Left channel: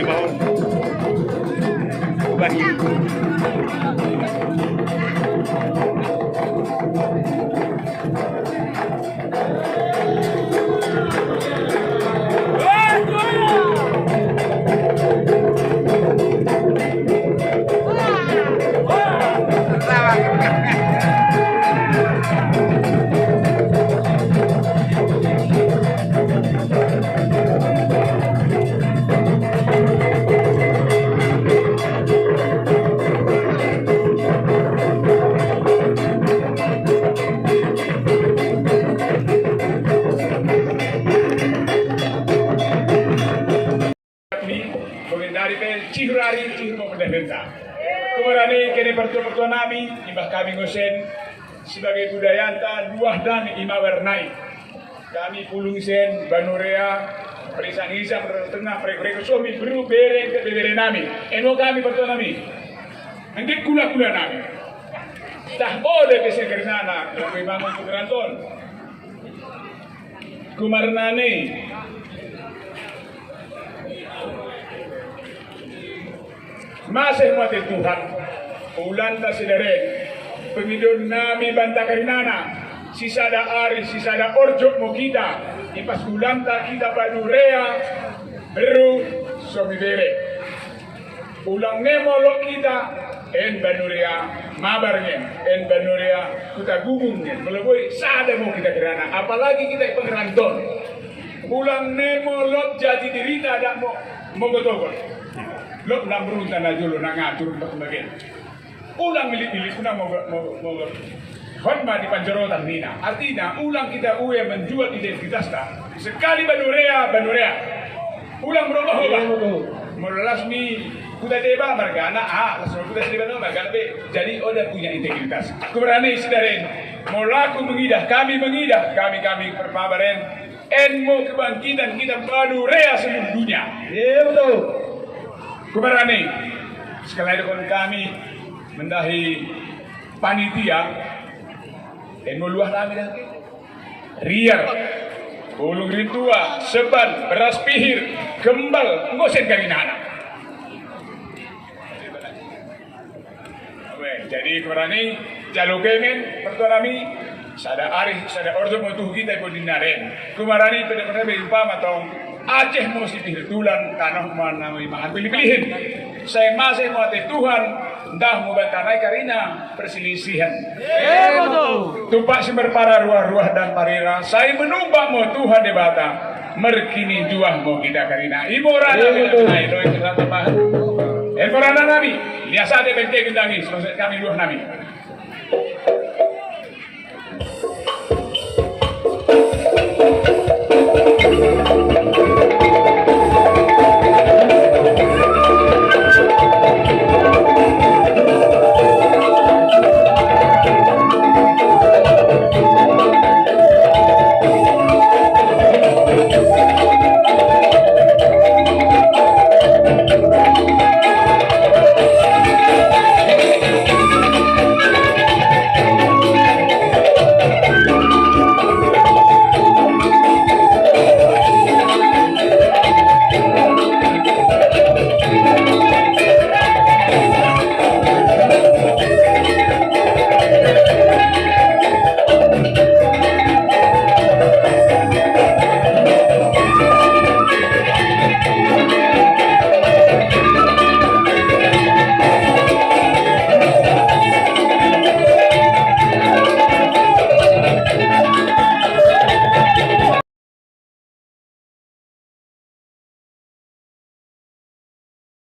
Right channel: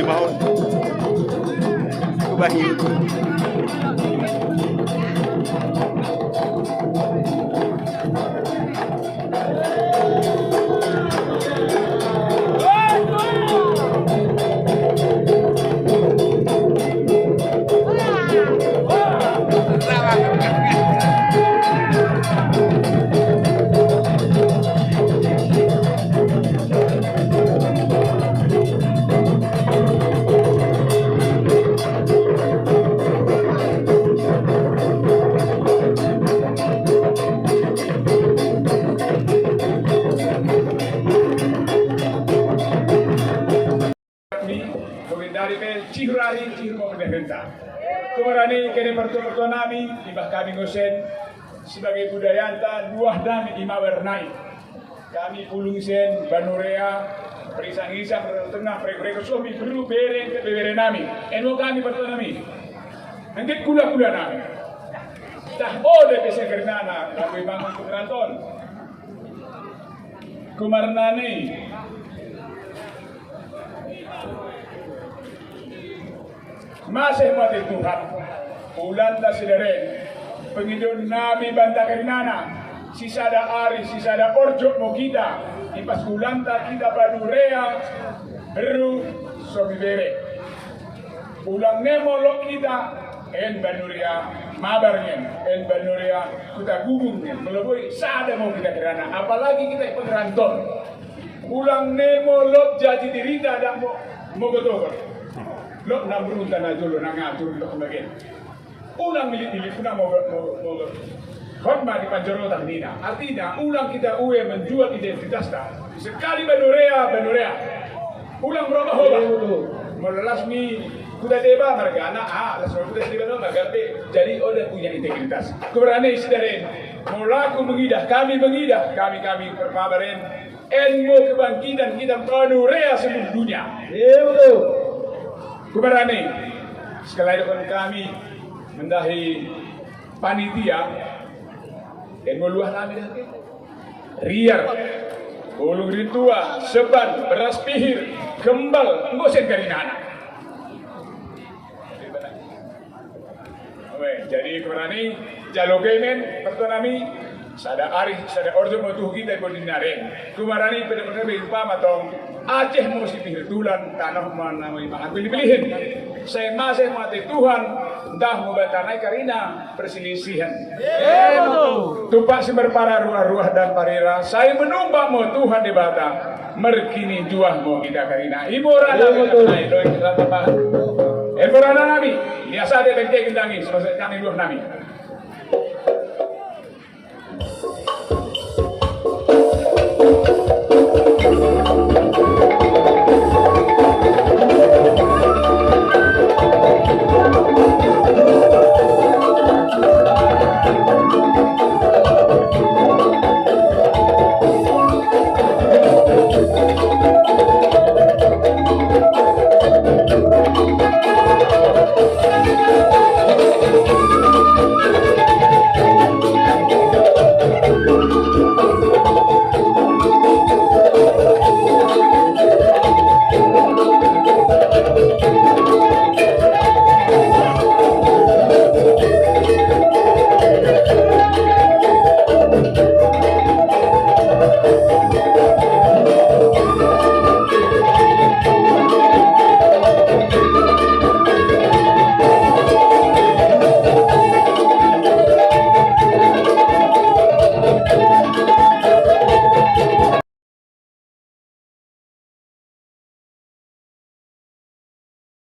Mahon. Bahir. Cihurari Cihur Merdeka. Kumarani kene pertua nami ibah kami ngosen sebagai budayanta duah nami imawernai. Kami pulung sen banurea perisan hisa tengah prek suami perlu bere nami. Eno kami pertua nami. Angkit kula nami. Tak boleh bese kernana kami bangun keranton. Kumarnani masih mati Tuhan, ulan tak sederet, pengidun nami banta kerinana, sisada ari, sisada orjok mo kita, ipas ulan tak kita badurea, beru somibere, ulang nemo lo kita, en badurea, mabarnya, en badurea, kita gugungnya, melebui sada mo kita kerana, apalagi kita pengeranton, ulang nemo lo jadi dirita dak mo gotokon. Lok nak beruntan aja lo nak ngatur lok bagian. Ulang milik ulang mau khotbah di Panjorotan Nina. Artinya ulang kita uwe menjual identitas dah. Sekali banurea. Ulang berubah. Melasmi kuda deba marga anak langsung kuda deba marga B. Jadi udah punya integritas. Keberani sedarin. Mulaku mengidah, kami perpabaren. Enmo kebangkitan kita banurea seluruh dunia. Kuberani sekali lagi kami mendahi panitia dan meluah kami lagi riak ulung ritua seban beras pihir gembal ngosen kami nana. Jadi kuberani jalukenen pertolami sada ari sada ordo metuh kita pun dinaren kumarani terus pama tong Aceh mau sipir tulan tanah mana memang pilih-pilihin. Saya masih mati Tuhan, dah muda tanai karina perselisihan. Tumpak sumber para ruah-ruah dan parira. Saya menumpang mau Tuhan di Batam. Merkini juah mau kita karina. Ibu rana naik doa kita tambah. Ibu rana nami, biasa ada benteng gendangi. Selesai kami luah nami.